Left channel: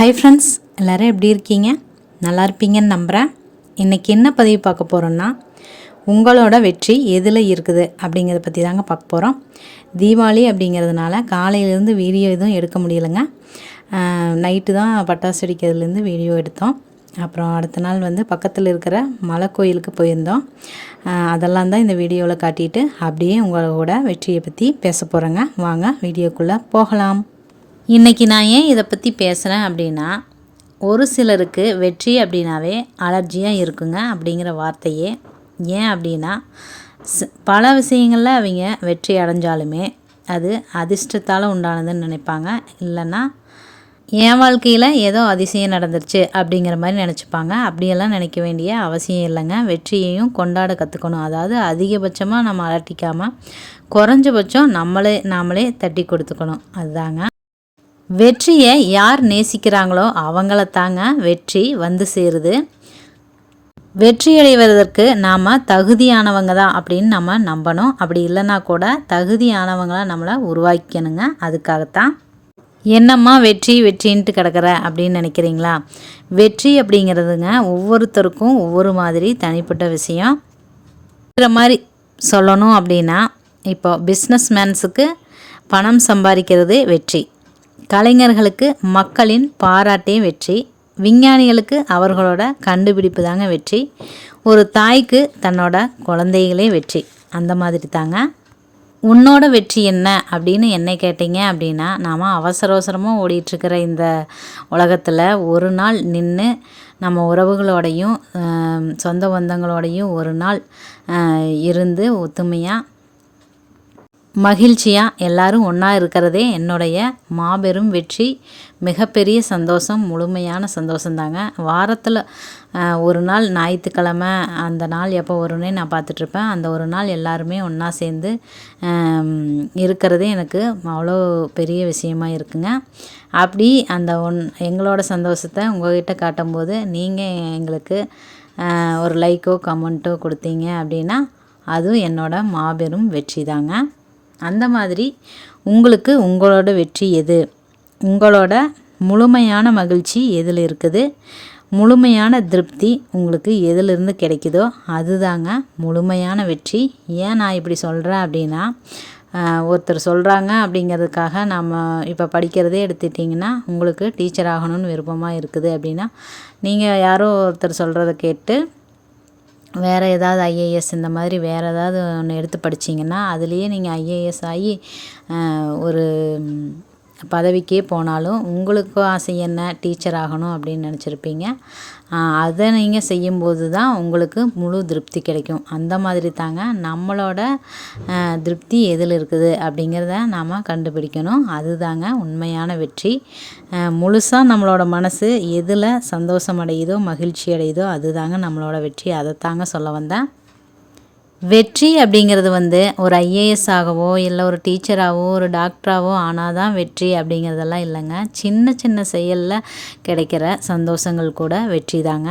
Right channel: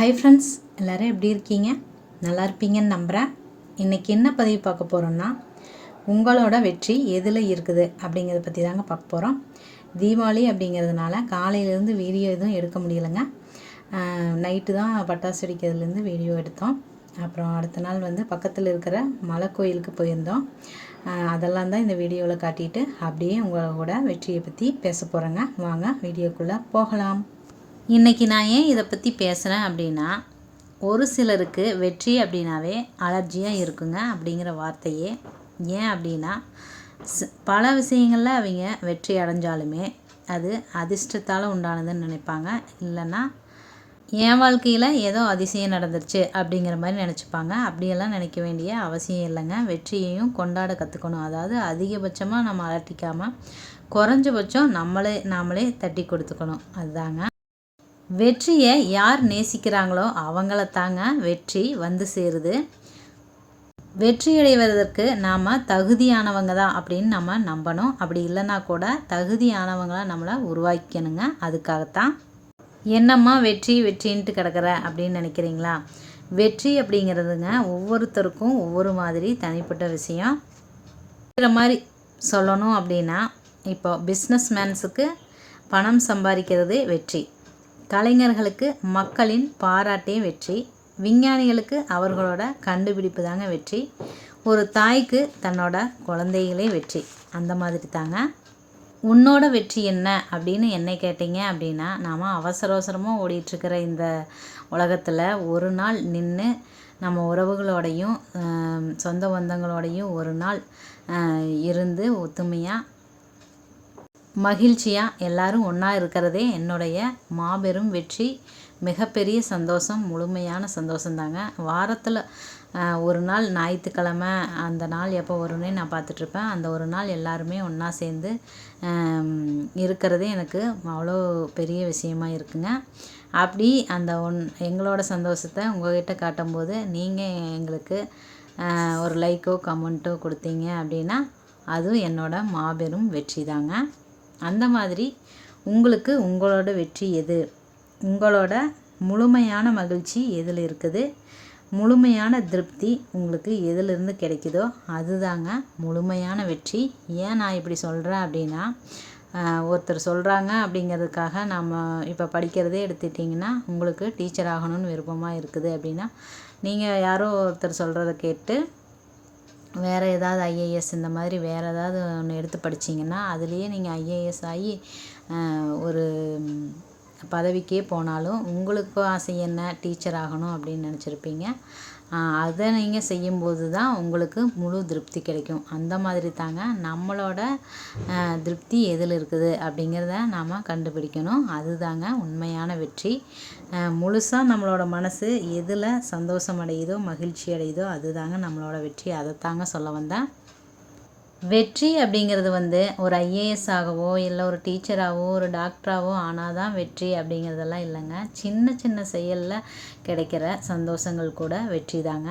Hi friends, எல்லோரும் எப்படி இருக்கீங்க? நல்லா இருப்பீங்கன்னு நம்புகிறேன். இன்றைக்கி என்ன பதிவு பார்க்க போகிறோன்னா, உங்களோட வெற்றி எதில் இருக்குது அப்படிங்கிறத பற்றி தாங்க பார்க்க போகிறோம். தீபாவளி அப்படிங்கிறதுனால காலையிலேருந்து வீடியோ எதுவும் எடுக்க முடியலைங்க. நைட்டு தான் பட்டாசு வெடிக்கிறதுலேருந்து வீடியோ எடுத்தோம். அப்புறம் அடுத்த நாள் பக்கத்தில் இருக்கிற மலை கோயிலுக்கு போயிருந்தோம். அதெல்லாம் தான் இந்த வீடியோவில் காட்டிட்டு அப்படியே உங்களோட வெற்றியை பற்றி பேச போகிறேங்க. வாங்க வீடியோக்குள்ளே போகலாம். இன்றைக்கி நான் ஏன் இதை பற்றி பேசுகிறேன் அப்படின்னா, ஒரு சிலருக்கு வெற்றி அப்படின்னாவே அலர்ஜியாக இருக்குங்க அப்படிங்கிற வார்த்தையே. ஏன் அப்படின்னா, பல விஷயங்களில் அவங்க வெற்றி அடைஞ்சாலுமே அது அதிர்ஷ்டத்தால் உண்டானதுன்னு நினைப்பாங்க. இல்லைன்னா என் வாழ்க்கையில் ஏதோ அதிசயம் நடந்துருச்சு அப்படிங்கிற மாதிரி நினச்சிப்பாங்க. அப்படியெல்லாம் நினைக்க வேண்டிய அவசியம் இல்லைங்க. வெற்றியையும் கொண்டாட கற்றுக்கணும். அதாவது அதிகபட்சமாக நம்ம அலட்டிக்காமல் குறைஞ்சபட்சம் நாமளே தட்டி கொடுத்துக்கணும். அதுதாங்க வெற்றியை யார் நேசிக்கிறாங்களோ அவங்கள தாங்க வெற்றி வந்து சேருது. வெற்றி அடைவதற்கு நாம் தகுதியானவங்க தான் அப்படின்னு நம்ம நம்பணும். அப்படி இல்லைன்னா கூட தகுதியானவங்களாக நம்மளை உருவாக்கணுங்க. அதுக்காகத்தான் என்னம்மா வெற்றின்ட்டு கிடக்கிற அப்படின்னு நினைக்கிறீங்களா? வெற்றி அப்படிங்கிறதுங்க ஒவ்வொருத்தருக்கும் ஒவ்வொரு மாதிரி தனிப்பட்ட விஷயம். மாதிரி சொல்லணும் அப்படின்னா, இப்போ பிஸ்னஸ் மேன்ஸுக்கு பணம் சம்பாதிக்கிறது வெற்றி, கலைஞர்களுக்கு மக்களின் பாராட்டே வெற்றி, விஞ்ஞானிகளுக்கு அவர்களோட கண்டுபிடிப்பு தாங்க வெற்றி, ஒரு தாய்க்கு தன்னோட குழந்தைகளே வெற்றி. அந்த மாதிரி தாங்க உன்னோட வெற்றி என்ன அப்படின்னு என்னை கேட்டீங்க அப்படின்னா, நாம் அவசரமாக ஓடிட்டுருக்கிற இந்த உலகத்தில் ஒரு நாள் நின்று நம்ம உறவுகளோடையும் சொந்த பந்தங்களோடையும் ஒரு நாள் இருந்து ஒத்துமையாக மகிழ்ச்சியாக எல்லோரும் ஒன்றா இருக்கிறதே என்னுடைய மாபெரும் வெற்றி, மிகப்பெரிய சந்தோஷம், முழுமையான சந்தோஷந்தாங்க. வாரத்தில் ஒரு நாள் ஞாயிற்றுக்கிழமை, அந்த நாள் எப்போ வரும்னே நான் பார்த்துட்ருப்பேன். அந்த ஒரு நாள் எல்லாருமே ஒன்றா சேர்ந்து இருக்கிறதே எனக்கு அவ்வளோ பெரிய விஷயமாக இருக்குங்க. அப்படி அந்த எங்களோட சந்தோஷத்தை உங்கள்கிட்ட காட்டும்போது நீங்கள் எங்களுக்கு ஒரு லைக்கோ கமெண்ட்டோ கொடுத்தீங்க அப்படின்னா அதுவும் என்னோட மாபெரும் வெற்றி தாங்க. அந்த மாதிரி உங்களுக்கு உங்களோட வெற்றி எது? உங்களோட முழுமையான மகிழ்ச்சி எதில் இருக்குது? முழுமையான திருப்தி உங்களுக்கு எதிலிருந்து கிடைக்குதோ அதுதாங்க முழுமையான வெற்றி. ஏன் நான் இப்படி சொல்கிறேன் அப்படின்னா, ஒருத்தர் சொல்கிறாங்க அப்படிங்கிறதுக்காக நம்ம இப்போ படிக்கிறதே எடுத்துட்டிங்கன்னா, உங்களுக்கு டீச்சர் ஆகணும்னு விருப்பமாக இருக்குது அப்படின்னா, நீங்கள் யாரோ ஒருத்தர் சொல்கிறத கேட்டு வேறு ஏதாவது ஐஏஎஸ் இந்த மாதிரி வேறு ஏதாவது ஒன்று எடுத்து படிச்சிங்கன்னா அதுலேயே நீங்கள் ஐஏஎஸ் ஆகி ஒரு பதவிக்கே போனாலும் உங்களுக்கு ஆசை என்ன? டீச்சர் ஆகணும் அப்படின்னு நினச்சிருப்பீங்க. அதை நீங்கள் செய்யும்போது தான் உங்களுக்கு முழு திருப்தி கிடைக்கும். அந்த மாதிரி தாங்க நம்மளோட திருப்தி எதில் இருக்குது அப்படிங்கிறத நாம் கண்டுபிடிக்கணும். அதுதாங்க உண்மையான வெற்றி. முழுசாக நம்மளோட மனசு எதில் சந்தோஷம் அடையுதோ மகிழ்ச்சி அடையுதோ அதுதாங்க நம்மளோட வெற்றி. அதைத்தாங்க சொல்ல வந்தேன். வெற்றி அப்படிங்கிறது ஒரு ஐஏஎஸ் ஆகவோ இல்லை ஒரு டீச்சராகவோ ஒரு டாக்டராகவோ ஆனால் தான் வெற்றி அப்படிங்கிறதெல்லாம் இல்லைங்க. சின்ன சின்ன செயலில் கிடைக்கிற சந்தோஷங்கள் கூட வெற்றி தாங்க.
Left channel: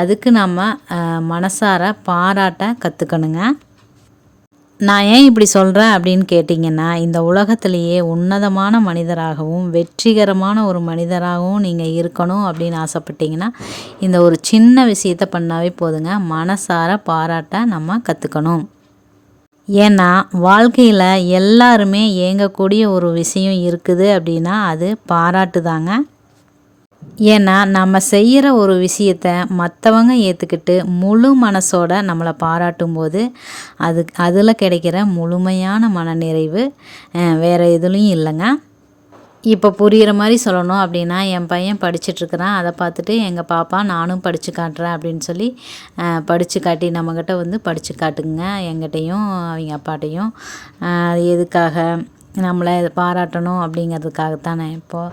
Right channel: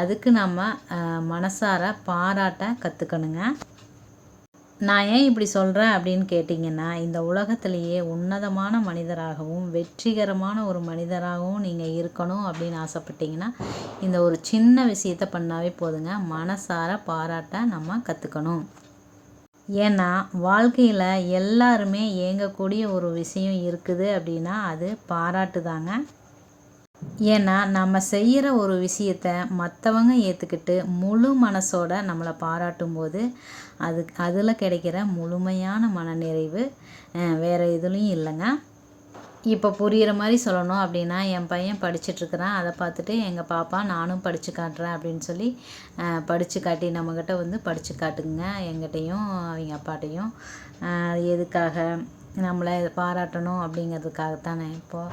அதுக்கு நம்ம மனசார பாராட்ட கற்றுக்கணுங்க. நான் ஏன் இப்படி சொல்கிறேன் அப்படின்னு கேட்டிங்கன்னா, இந்த உலகத்திலேயே உன்னதமான மனிதராகவும் வெற்றிகரமான ஒரு மனிதராகவும் நீங்கள் இருக்கணும் அப்படின்னு ஆசைப்பட்டீங்கன்னா, இந்த ஒரு சின்ன விஷயத்தை பண்ணாவே போதுங்க. மனசார பாராட்ட நம்ம கற்றுக்கணும். ஏன்னா வாழ்க்கையில் எல்லாருமே ஏங்கக்கூடிய ஒரு விஷயம் இருக்குது அப்படின்னா அது பாராட்டு தாங்க. ஏன்னா நம்ம செய்கிற ஒரு விஷயத்தை மற்றவங்க ஏற்றுக்கிட்டு முழு மனசோட நம்மளை பாராட்டும் போது அதில் கிடைக்கிற முழுமையான மனநிறைவு வேறு எதுலேயும் இல்லைங்க. இப்போ புரிகிற மாதிரி சொல்லணும் அப்படின்னா, என் பையன் படிச்சிட்ருக்கிறான், அதை பார்த்துட்டு எங்கள் பாப்பா நானும் படித்து காட்டுறேன் அப்படின்னு சொல்லி படித்து காட்டி நம்மக்கிட்ட படித்து காட்டுங்க எங்கிட்டையும் அவங்க அப்பாட்டையும். எதுக்காக நம்மளை பாராட்டணும் அப்படிங்கிறதுக்காகத்தானே. இப்போது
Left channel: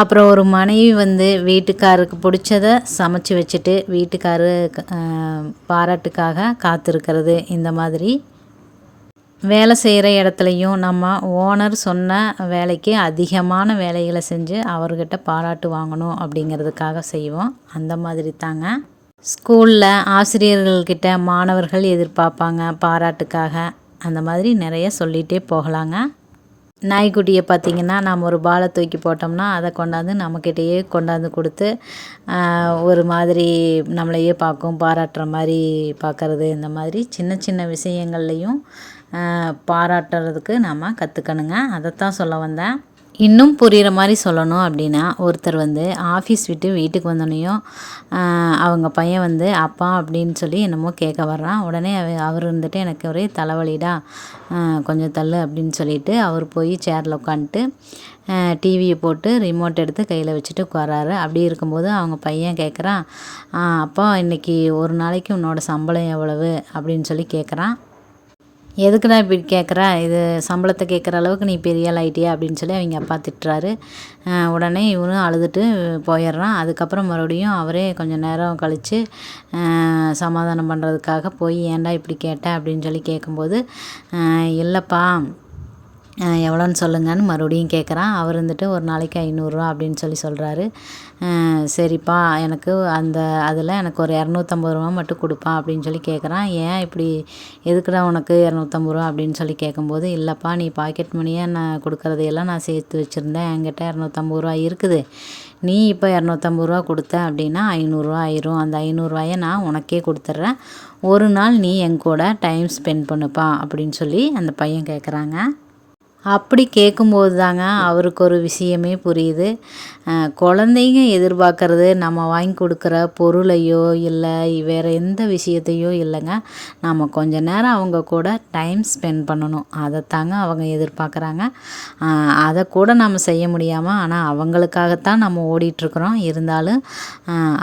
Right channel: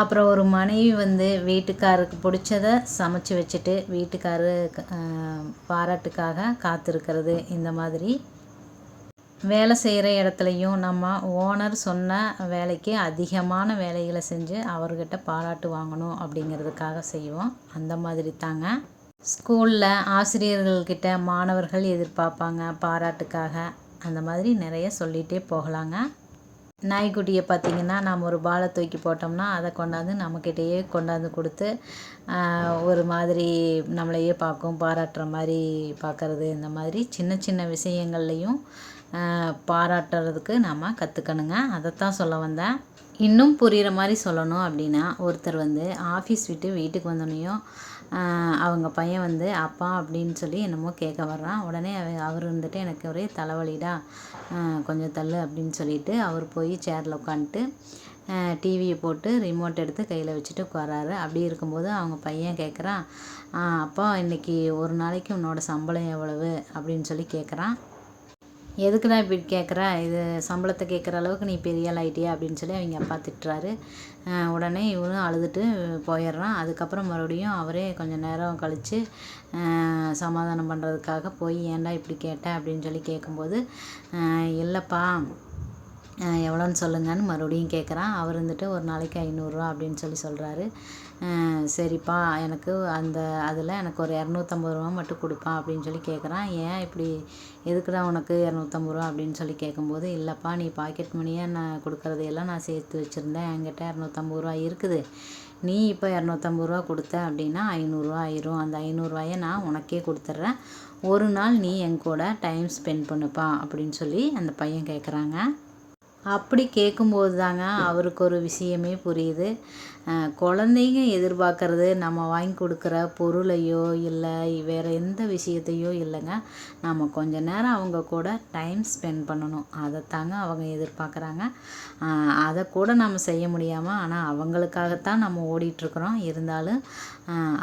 அப்புறம் ஒரு மனைவி வீட்டுக்காருக்கு பிடிச்சதை சமைச்சு வச்சுட்டு வீட்டுக்காரு பாராட்டுக்காக காத்திருக்கிறது. இந்த மாதிரி வேலை செய்கிற இடத்துலையும் நம்ம ஓனர் சொன்ன வேலைக்கு அதிகமான வேலைகளை செஞ்சு அவர்கிட்ட பாராட்டு வாங்கணும் அப்படிங்கிறதுக்காக செய்வோம். அந்த மாதிரி தாங்க ஸ்கூலில் ஆசிரியர்கள்கிட்ட மாணவர்கள் எதிர்பார்ப்பாங்க பாராட்டுக்காக. அந்த மாதிரி நிறைய சொல்லிகிட்டே போகலாங்க. நாய்க்குட்டியை பார்த்திங்கன்னா நம்ம ஒரு பாலை தூக்கி போட்டோம்னா அதை கொண்டாந்து நம்மக்கிட்டேயே கொண்டாந்து கொடுத்து ஒரு மாதிரி நம்மளையே பார்க்கும், பாராட்டுற மாதிரி பார்க்குறது. இந்த மாதிரி சின்ன சின்ன விஷயங்கள்லையும் பாராட்டுறதுக்கு நம்ம கற்றுக்கணுங்க. அதைத்தான் சொல்ல வந்தேன். இன்னும் புரிகிற மாதிரி சொல்லணும் அப்படின்னா, ஒருத்தர் ஆஃபீஸ் விட்டு வீட்டுக்கு வந்தோடனையும் அவங்க பையன் அப்பா அப்படின்னு சொல்லி என்னமோ கேட்க வர்றான். உடனே அவர் எனக்கு ஒரே தலைவலிடா, கொஞ்சம் தள்ளு அப்படின்னு சொல்லிட்டு அவர் போய் சேரில் உட்காந்துட்டு டிவியை போட்டு ரிமோட் எடுத்து கையில் வச்சுட்டு உட்காராரு. அப்படி இருக்கும்போது அவங்க பையன் கேட்குறான், அப்பா இன்றைக்கி ஒரு நாளைக்கு உன்னோட சம்பளம் எவ்வளவு அப்படின்னு சொல்லி கேட்குறான். எதுக்குடா இப்படி கேட்குற, இது சம்பளத்தை கேட்குற அளவுக்கு நீ பெரிய ஆள் ஆகிட்டியா அப்படின்னு சொல்லி அவங்க அப்பா திட்டுறாரு. உடனே இவனும் அழுதுட்டு போயிடுறான். அதுக்கப்புறம் மறுபடியும் அவரே கொஞ்சம் நேரம் கழித்து சமாதானம் பண்ணுறதுக்காக போய் ஏன்டா இப்படி கேட்ட அப்படின்னு சொல்லி கேட்கும்போது, இல்லைப்பா எவ்வளோன்னு சொல்லுங்கன்னு மறுபடியும் கேட்குறான். அவர் ஒரு நாளைக்கு 500 அப்படின்னு சொல்லி சொல்கிறாரு. சரிப்பா எனக்கு அதில் எனக்கு ஒரு 250 மட்டும் கொடுப்பா அப்படின்னு சொல்லி கேட்குறான். ஏன் இப்படி, எதுக்குடா உனக்கு 250 அப்படின்னு சொல்லி கேட்கும்போது, இல்லைப்பா நீ பாக்கெட் மணியாக நான் கொடுக்குறதையெல்லாம் நான் சேர்த்து வச்சுருந்தேன், என்கிட்ட 250 இருக்குது. நீ இப்போ 250 கொடுத்த அப்படின்னா 500 ஆயிரும். அந்த 500 நான் உனக்கே கொடுத்துட்றேன். ஒரு நாள் நீ என் கூட டைம் ஸ்பெண்ட் பண்ணுப்பா அப்படின்னு சொல்லி அந்த பையன் கேட்குறாங்க. அப்படி கேட்கும்போது தாங்க அவருக்கு ஒரு விஷயமே புரியுது. குழந்தைங்க எதிர்பார்க்கறது நம்ம வாங்கி கொடுக்குற பொருளையோ இல்லை வேறு எந்த விஷயத்தையோ இல்லைங்க, நம்ம கொஞ்ச நேரம் அவங்க கூட டைம் ஸ்பெண்ட் பண்ணணும். அதைத்தாங்க அவங்க எதிர்பார்க்குறாங்க. அதை கூட நம்ம செய்ய முடியாமல் ஆனால் அவங்களுக்காகத்தான் நம்ம ஓடிட்டுருக்குறோம். இருந்தாலும்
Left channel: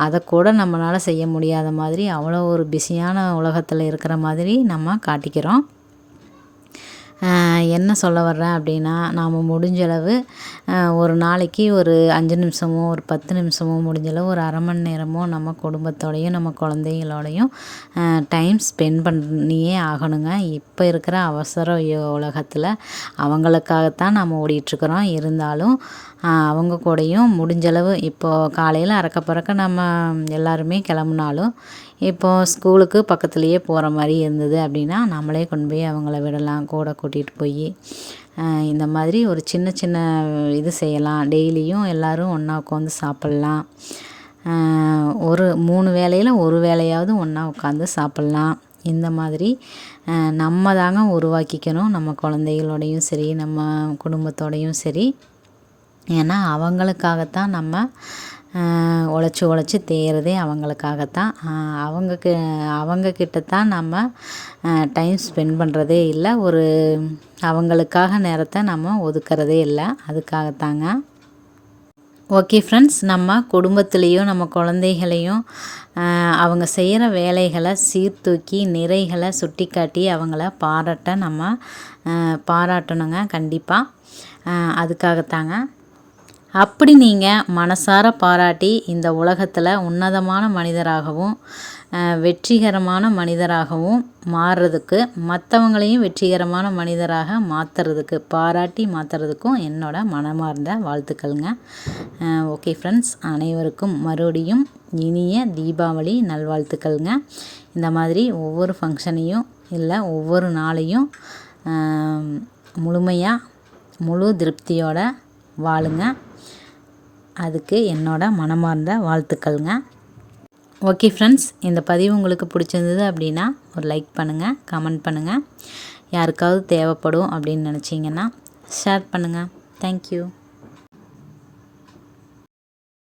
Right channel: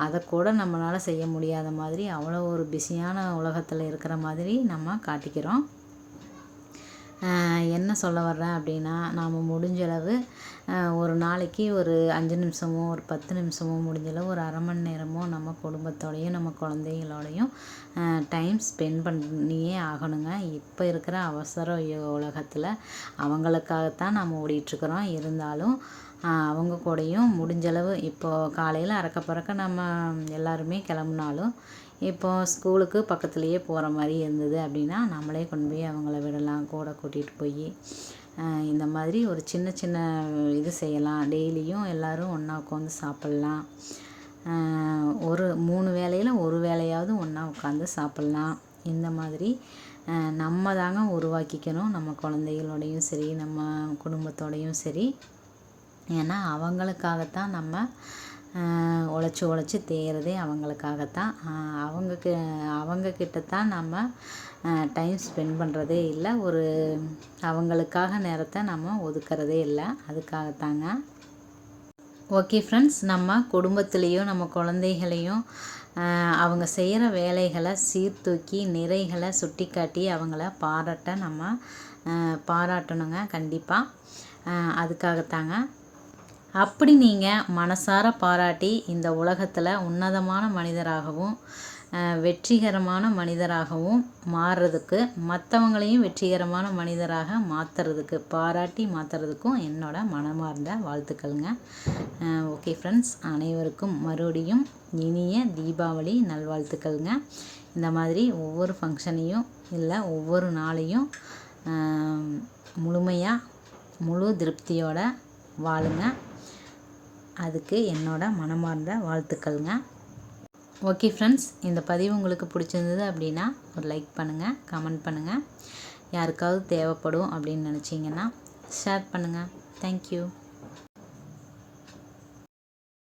அதை கூட நம்மளால் செய்ய முடியாத மாதிரி அவ்வளோ ஒரு பிஸியான உலகத்தில் இருக்கிற மாதிரி நம்ம காட்டிக்கிறோம். என்ன சொல்ல வர்றேன் அப்படின்னா, நாம் முடிஞ்சளவு ஒரு நாளைக்கு ஒரு 5 நிமிஷமோ ஒரு 10 நிமிஷமோ முடிஞ்சளவு ஒரு அரை மணி நேரமோ நம்ம குடும்பத்தோடையும் நம்ம குழந்தைங்களோடையும் டைம் ஸ்பெண்ட் பண்ணியே ஆகணுங்க. இப்போ இருக்கிற அவசர உலகத்தில் அவங்களுக்காகத்தான் நம்ம ஓடிட்டுருக்குறோம். இருந்தாலும் அவங்க கூடயும் முடிஞ்சளவு இப்போது காலையில் அறக்க பறக்க நம்ம எல்லாருமே கிளம்புனாலும் இப்போது ஸ்கூலுக்கு பக்கத்துலேயே போகிற மாதிரி இருந்தது அப்படின்னா நம்மளே கொண்டு போய் அவங்கள விடலாம், கூட கூட்டிகிட்டு போய் இந்த மாதிரி ஒரு சின்ன சின்ன இது செய்யலாம். டெய்லியும் எல்லோரும் ஒன்றா உட்காந்து சாப்பிட்லாம். ஒரு 3 வேளையில் ஒரு வேளையாவது ஒன்றா உட்காந்து சாப்பிட்லாம். இந்த மாதிரி நம்ம தாங்க உருவாக்கிக்கணும், நம்ம குழந்தைகளோடையும் சரி நம்ம குடும்பத்தோடையும் சரி. ஏன்னா அவங்களுக்காகத்தான் நம்ம உழைச்சி தேயறதே அவங்களுக்காகத்தான். அவங்கக்கிட்ட தான் நம்ம டைம் ஸ்பெண்ட் பண்ணுறதே இல்லை. அவங்களுக்காக நேரத்தை நம்ம ஒதுக்கிறதே இல்லை. அதுக்காகத்தாங்க. ஓகே ஃப்ரெண்ட்ஸ், நம்ம குடும்பத்துலேயும் நம்ம குழந்தைகளையும் அவங்க செய்கிற வேலைகளை சீர்தூக்கி நிறைகளை சுட்டி காட்டி அவங்கள பாராட்டணுங்க கண்டிப்பாக. அதுக்காகத்தாங்க. அப்படி நீங்கள் மனசார பாராட்டி இந்த உலகத்தில் உன்னதமான மனிதராகவும் வெற்றிகரமான மனிதராகவும் மாறுறதுக்கு, மற்றவங்களையும் வெற்றிகரமான மனிதராக பாராட்டி மாற்றுறதுக்கும் என்னோட மனமார்ந்த வாழ்த்துக்கள்ங்க. ஓகே ஃப்ரெண்ட்ஸ், அனைவருக்கும் மறுபடியும் இனிய தீபாவளி நல்வாழ்த்துக்கள்ங்க. இந்த மாதிரி ஒவ்வொரு ஃபங்க்ஷனையும் இல்லை ஒவ்வொரு நாளையும் முழு திருப்தியோட வாழுங்க. அதுக்கு என்னோட மனமார்ந்த வாழ்த்துக்கள்ங்க. ஓகே ஃப்ரெண்ட்ஸ், இந்த பதிவு உங்களுக்கு பிடிச்சிருந்தது அப்படின்னா ஒரு லைக் பண்ணுங்கள், கமெண்ட் பண்ணுங்கள். யாருக்காவது தேவைப்படும் அப்படின்னு நினச்சிங்கன்னா ஷேர் பண்ணுங்கள். தேங்க்யூ.